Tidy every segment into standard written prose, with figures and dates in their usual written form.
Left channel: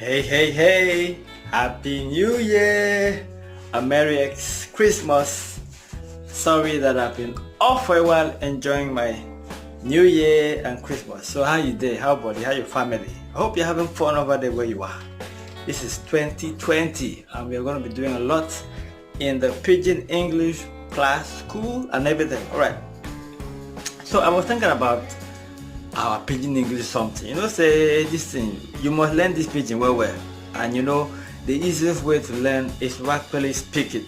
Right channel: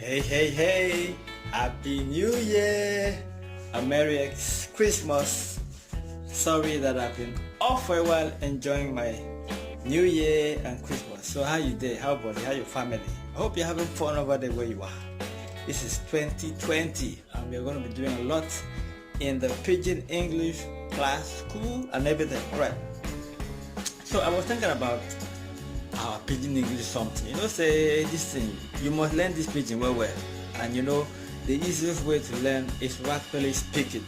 Hey, hey, hey! Happy New Year! A Merry Christmas! Sorry that I've been off for a while enjoying my New Year and Christmas. So how you day? How body? How your family? I hope you're having fun over there where you are. This is 2020 and we're going to be doing a lot in the Pidgin English class, school and everything. Alright. So I was thinking about our Pidgin English something. Say this thing, you must learn this Pidgin well. And the easiest way to learn is to actually speak it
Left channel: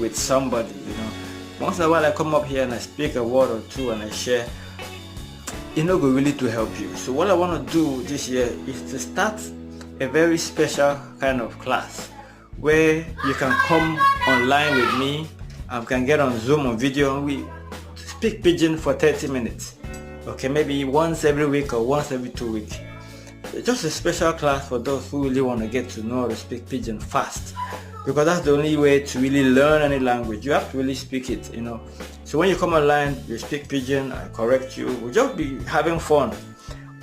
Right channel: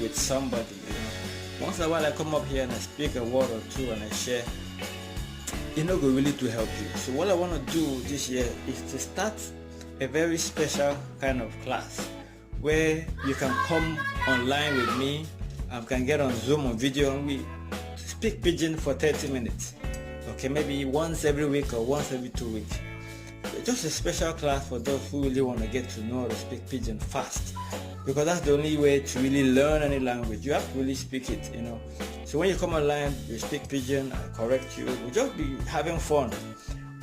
with somebody, Once in a while I come up here and I speak a word or two and I share, go really to help you. So what I want to do this year is to start a very special kind of class where you can come online with me and can get on Zoom on video and we speak Pidgin for 30 minutes. Okay, maybe once every week or once every 2 weeks. Just a special class for those who really want to get to know how to speak Pidgin fast, because that's the only way to really learn any language. You have to really speak it, So when you come online, you speak Pidgin, I correct you. We'll just be having fun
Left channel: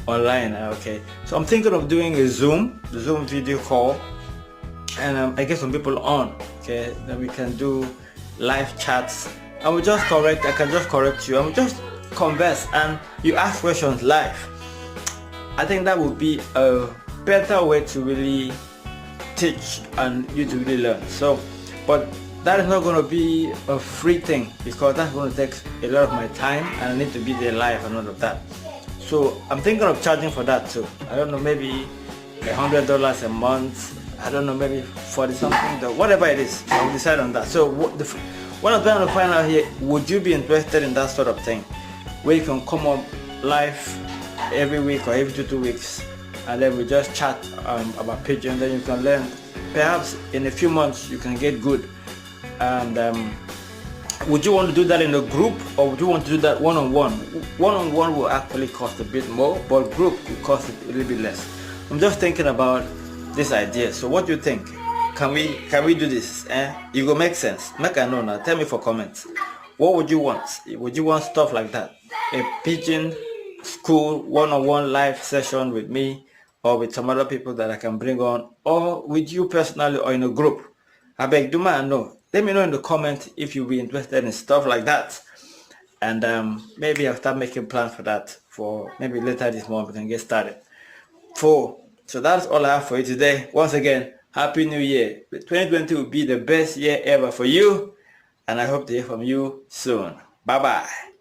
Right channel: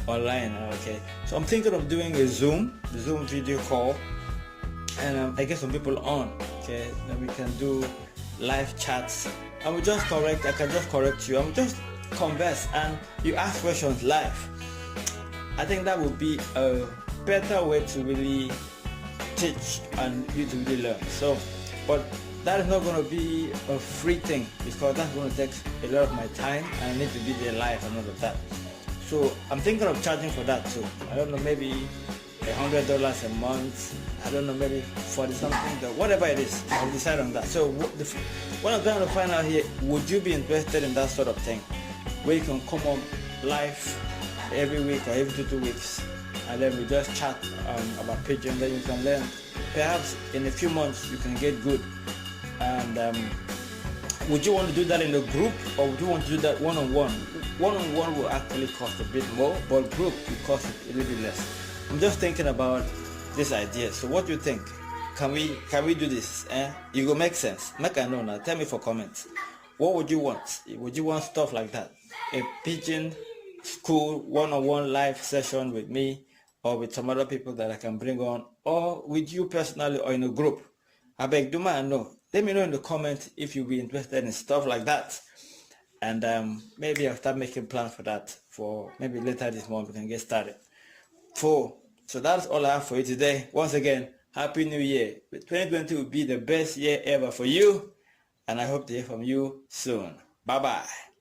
online, okay? So I'm thinking of doing a Zoom video call, and I get some people on, okay? Then we can do live chats, and I can just correct you, and we just converse, and you ask questions live. I think that would be a better way to really teach and you to really learn. So, but that is not going to be a free thing because that's going to take a lot of my time and I need to be there live and all of that. So I'm thinking of charging for that too. I don't know, maybe $100 a month. I don't know, maybe 40 something, whatever it is. I will decide on that. So what I'm trying to find out here, would you be interested in that sort of thing, where you can come up live every week or every 2 weeks, and then we just chat about Pidgin. Then you can learn. Perhaps in a few months you can get good. And would you want to do that in a group, or would you want to do that one-on-one? One-on-one will actually cost a bit more, but group will cost a little bit less. I'm just thinking about this idea. So what do you think? Can we do this? It will make sense. Make I know now. Tell me for comments. What would you want? Would you want stuff like that? A Pidgin school one-on-one live session with me, or with some other people that I can bring on, or with you personally, or in a group? I beg, do man know. Let me know in the comments if you'll be interested in stuff like that, and maybe I'll start making plans for that. For maybe later this month we can get started. So that's all I have for you today. Once again, Happy New Year. 2020 will be the best year ever for you, and I hope to hear from you soon. Bye bye.